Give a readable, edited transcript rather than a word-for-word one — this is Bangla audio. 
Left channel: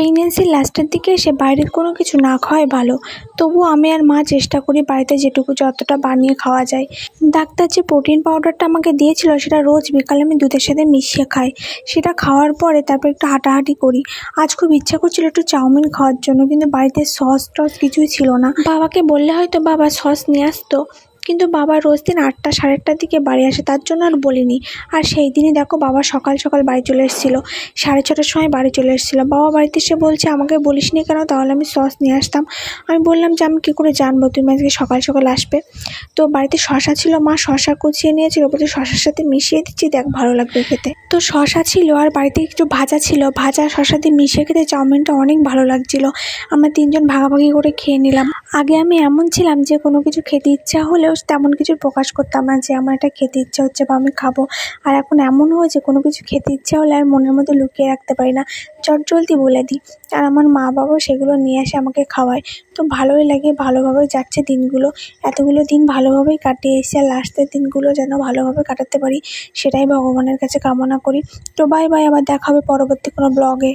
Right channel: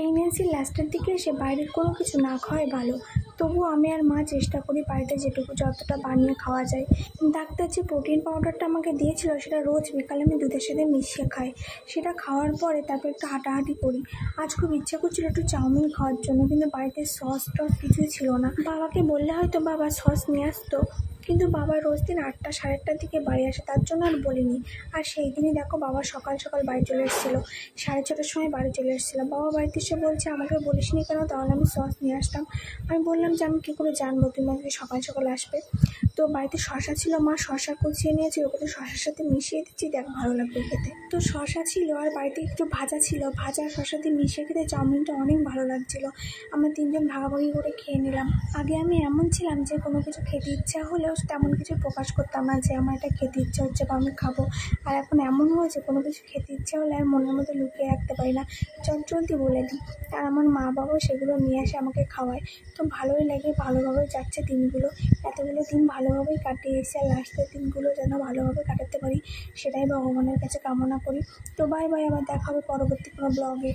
প্রেগনেন্সির লাস্টের দিকে এসে বাইরের কোনো কিছু না খাওয়াই ভালো। তবুও আমি আর মা চেষ্টা করি বাড়িতে যতটা বানিয়ে খাওয়া যায়। ডাক্তার যে প্রোটিন পাউডারটা আমাকে দিয়েছিল সেটা রোজ বিকালে আমি দুধের সাথে মিশিয়ে খাই। সেটা খাওয়ার পরে তারপর একটু হাঁটাহাঁটি করি। আজ খুব ইচ্ছা করছিল একটু চাউমিন খাওয়ার জন্য, কিন্তু বাড়িতে সস টস কিছুই ছিল না। বাবাকে বললে হয়তো বাবা সস নিয়ে আসতো, কিন্তু বাবা রোজ দিন 8টা সাড়ে 8টার দিকে বাড়ি আসে, তার জন্য আর বলিনি। আর সেই দিনই দেখো বাবা সকাল সকাল বাড়ি চলে এসেছিলো, 6:30টার সময় বাড়ি চলে এসেছিলো। বাবা বাড়িতে এসে বলছে আমাকে বলিসনি কেন, তাহলে আমি সস নিয়ে আসতাম। আমি বললাম যে আমি কী করে জানবো তুমি আজকে সকাল সকাল আসবে। তো বাড়িতে শশা ছিল, মা শশা কুচিয়ে নিয়েছিল, বলছে শশার সাথে মিশিয়ে দিচ্ছি, দেখ ভালো লাগবে খেতে। তো শশা ছিল আর বাড়িতে একটু ভাজা ছিল, ভাজা শশা দিয়ে মিশিয়ে খেতে চাউমিনটা অনেক ভালো লাগছিল। আমরা 3জন ভাগাভাগি করে খেয়ে নিলাম। আগে আমি এমন ছিলাম যে কোনো কিছু খেতে ইচ্ছা হলেও তেমন কিছু প্রকাশ করতাম না যে আমার এটা খেতে ইচ্ছা হচ্ছে বা আমি খাবো। আর এখন এমন হয়েছে কোনো কিছু খেতে ইচ্ছা হলে আর মনের মধ্যে লুকিয়ে রাখতে পারি না, চটজলদি বলে দিই। আর আমার মা বাবাও সেগুলো নিয়ে এসে আমাকে খাওয়ায়। তো ভালোই লাগে, ভালোভাবেই যাচ্ছে দিনগুলো। এতগুলো দিন ভালোভাবেই কাটিয়ে এসে আর লাস্টের দিনগুলো যেন ভালোভাবে কাটাতে পারি, সেটাই ভগবানের কাছে কামনা করি। তো বাই বাই, আবার দেখা হবে পরবর্তী কোনো ব্লগে।